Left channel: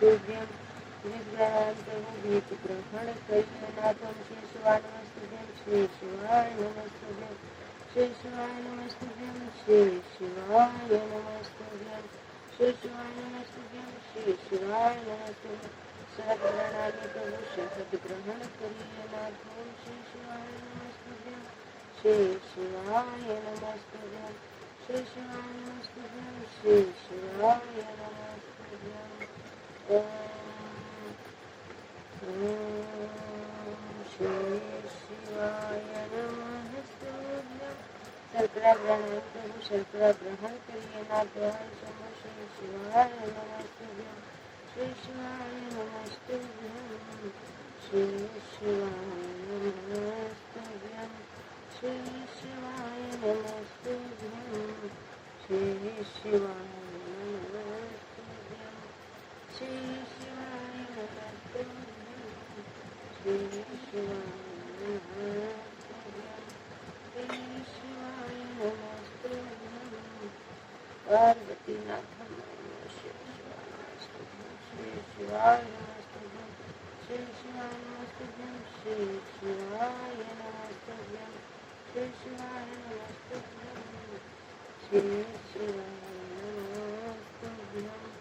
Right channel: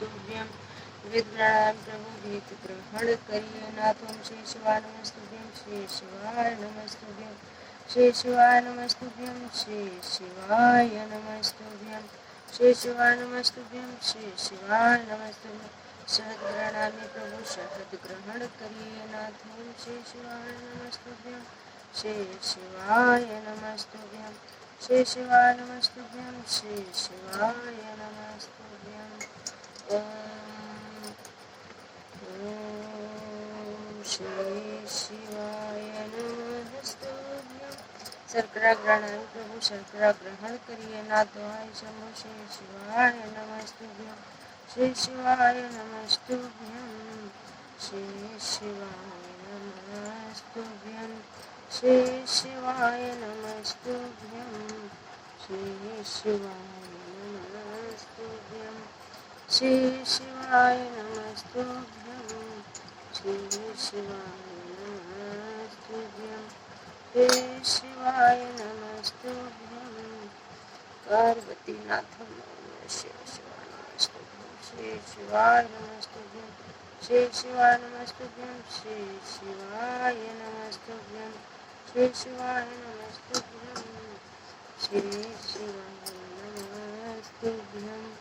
नमस्तुभ्यं विद्यां प्रभु गीत ग्रहण करिए नाथम श्री शिवाय नमस्तुभ्यं श्री शिवाय नमस्तुभ्यं श्री शिवाय नमस्तुभ्यं श्री शिवाय नमस्तुभ्यं श्री शिवाय नमस्तुभ्यं श्री शिवाय नमस्तुभ्यं शहद प्रणामी प्रभु शहद ग्रहण करिए नाथम श्री शिवाय नमस्तुभ्यं श्री शिवाय नमस्तुभ्यं श्री शिवाय नमस्तुभ्यं श्री शिवाय नमस्तुभ्यं श्री शिवाय नमस्तुभ्यं शर्करा ग्रहण प्रभु शर्करा ग्रहण करिए नाथवाय शंभो श्री शिवाय नमस्तुभ्यं श्री शिवाय नमस्तुभ्यं श्री शिवाय नमस्तुभ्यं श्री शिवाय नमस्तुभ्यं श्री शिवाय नमस्तुभ्यं श्री शिवाय नमस्तुभ्यं श्री शिवाय नमस्तुभ्यं श्री शिवाय नमस्तुभ्यं पार्वती नाथम श्री शिवाय नमस्तुभ्यं श्री शिवाय नमस्तुभ्यं श्री शिवाय नमस्तुभ्यं श्री शिवाय नमस्तुभ्यं श्री शिवाय नमस्तुभ्यं श्री शिवाय नमस्तुभ्यं